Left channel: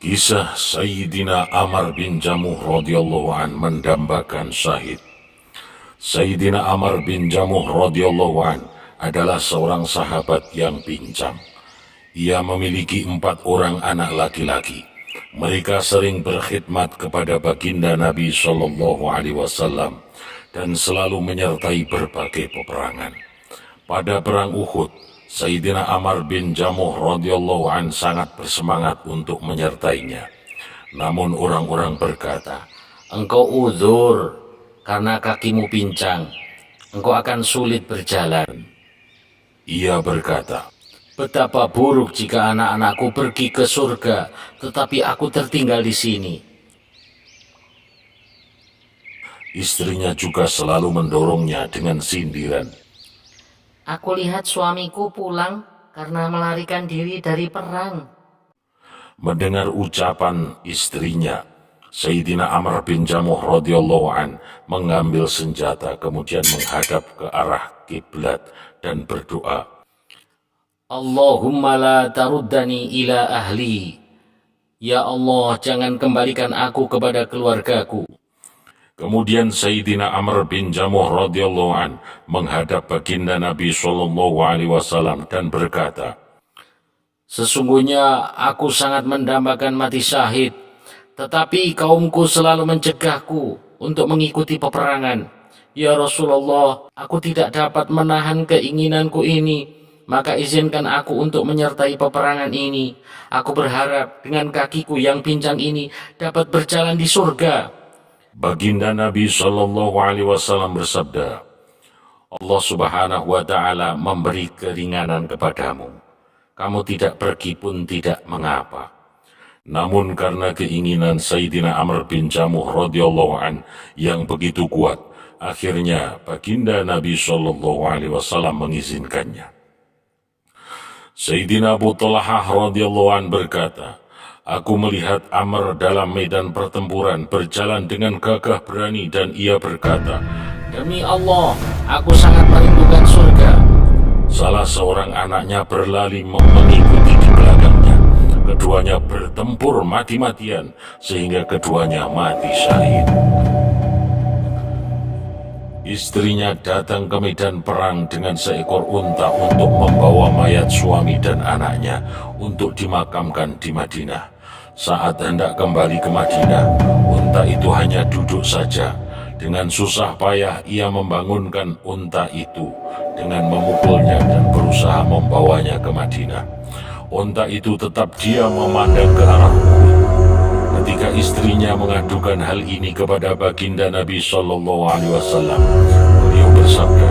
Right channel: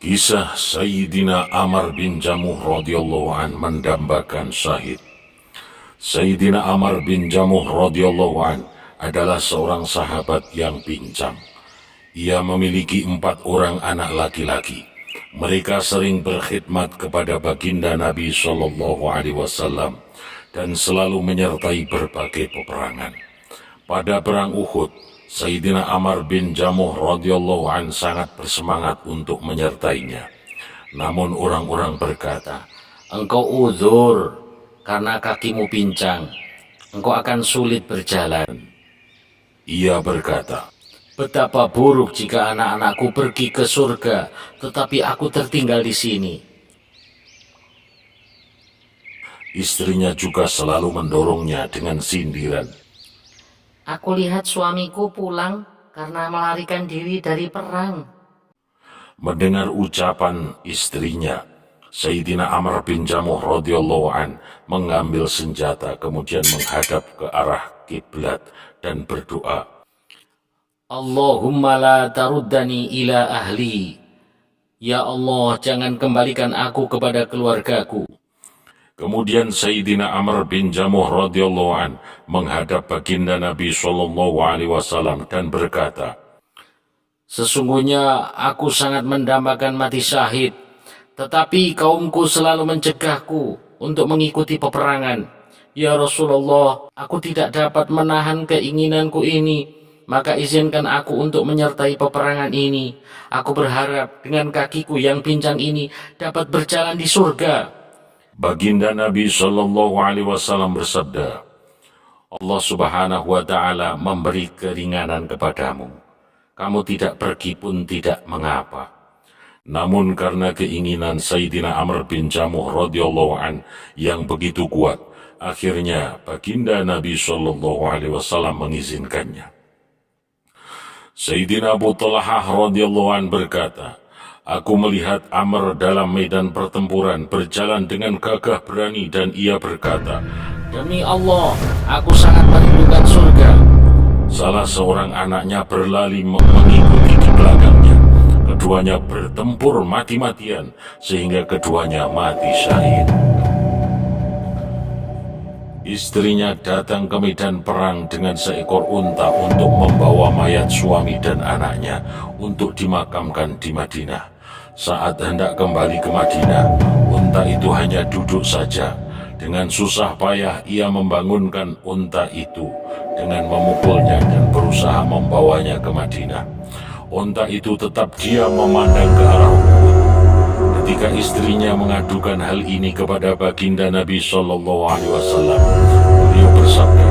Kisah Sayyidina Amr bin Jamuh radhiyallahu an mendambakan syahid. Sayyidina Amr bin Jamuh radhiyallahu an adalah seorang sahabat yang pincang. Ia memiliki 4 orang anak laki-laki. Mereka sering berkhidmat kepada baginda Nabi Shallallahu Alaihi Wasallam dan selalu menyertai berbagai peperangan. Pada perang Uhud, Sayyidina Amr bin Jamuh radhiyallahu an sangat bersemangat untuk menyertainya. Namun orang-orang berkata, "Engkau uzur karena kakimu pincang. Engkau akan sulit berjalan." Ia berkata, "Betapa buruk jika anak-anakku pergi ke surga, tetapi aku tertinggal di sini." Istrinya juga selalu mendorongnya dengan sindiran. "Aku lihat suamiku pulang karena melarikan diri dari perang." Mendengar ucapan istrinya, Sayyidina Amr bin Jamuh radhiyallahu an mengambil senjata kemudian menghadap ke arah kiblat dan berdoa, "Allahumma la taruddani ila ahli. Ya Allah, jangan kembalikan aku kepada keluargaku." Kemudian Sayyidina Amr bin Jamuh radhiyallahu an menghadap baginda Nabi Shallallahu Alaihi Wasallam dan berkata, "Sesungguhnya aku sangat mendambakan mati syahid, tetapi kaumku selalu mencegahku untuk mengikuti peperangan. Ya Rasulullah, aku tidak dapat menahan keinginanku ini, maka izinkan aku untuk menyertai peperangan ini. Aku berharap dengan kakiku yang pincang ini dapat berjalan di surga." baginda Nabi Shallallahu Alaihi Wasallam bersabda, Allah Subhanahu Wa Taala memberi keringanan kepadamu. Kamu tidak pergi pun tidak mengapa. Namun karena keinginan Sayyidina Amr bin Jamuh radhiyallahu an yang begitu kuat, akhirnya baginda Nabi Shallallahu Alaihi Wasallam mengizinkannya. Sayyidina Abu Talhah radhiyallahu an berkata, aku melihat Amr dalam medan pertempuran berjalan dengan gagah berani dan ia berkata, "Demi Allah, aku sangat merindukan surga." Salah seorang anaknya berlari mengikuti di belakangnya. Keduanya bertempur mati-matian sehingga keduanya mati syahid. Istrinya datang ke medan perang dengan seekor unta untuk membawa mayat suami dan anaknya untuk dimakamkan di Madinah. Saat hendak kembali ke Madinah, unta itu hanya duduk saja. Dengan susah payah ia membangunkan unta itu dengan memukulnya dan berusaha membawanya ke Madinah. Unta itu tetap diam memandang ke arah Uhud. Ketika istrinya mengadukan hal ini kepada baginda Nabi Shallallahu Alaihi Wasallam, beliau bersabda,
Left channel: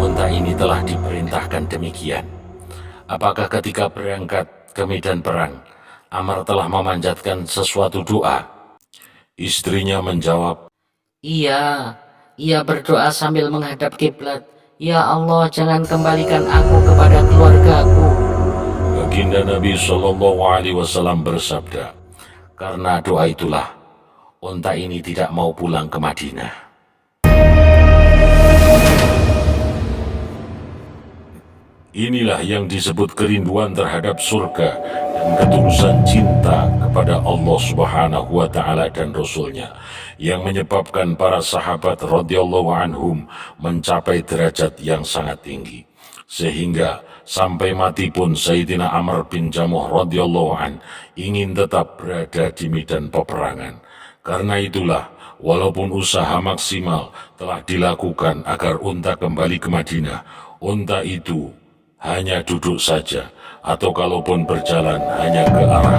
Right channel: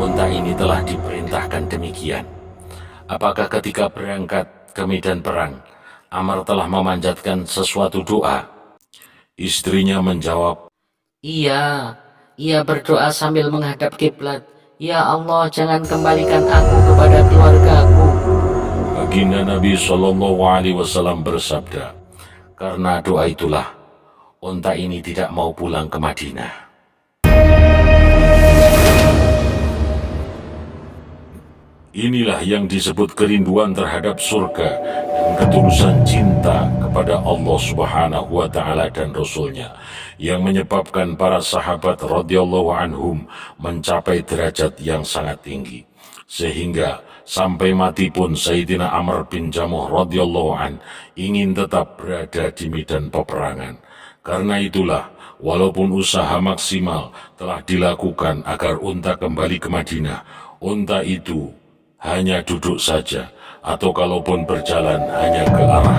unta ini telah diperintahkan demikian. Apakah ketika berangkat ke medan perang, Amr telah memanjatkan sesuatu doa? Istrinya menjawab, "Iya, ia berdoa sambil menghadap kiblat. Ya Allah, jangan kembalikan aku kepada keluargaku." Baginda Nabi Shallallahu Alaihi Wasallam bersabda, karena doa itulah unta ini tidak mau pulang ke Madinah. Inilah yang disebut kerinduan terhadap surga dan ketulusan cinta kepada Allah Subhanahu wa Ta'ala dan Rasul-Nya yang menyebabkan para sahabat radhiyallahu anhum mencapai derajat yang sangat tinggi. Sehingga sampai mati pun Sayyidina Amr bin Jamuh radhiyallahu an ingin tetap berada di medan peperangan. Karena itulah, walaupun usaha maksimal telah dilakukan agar unta kembali ke Madinah, unta itu hanya duduk saja, atau kalaupun berjalan hanya ke arah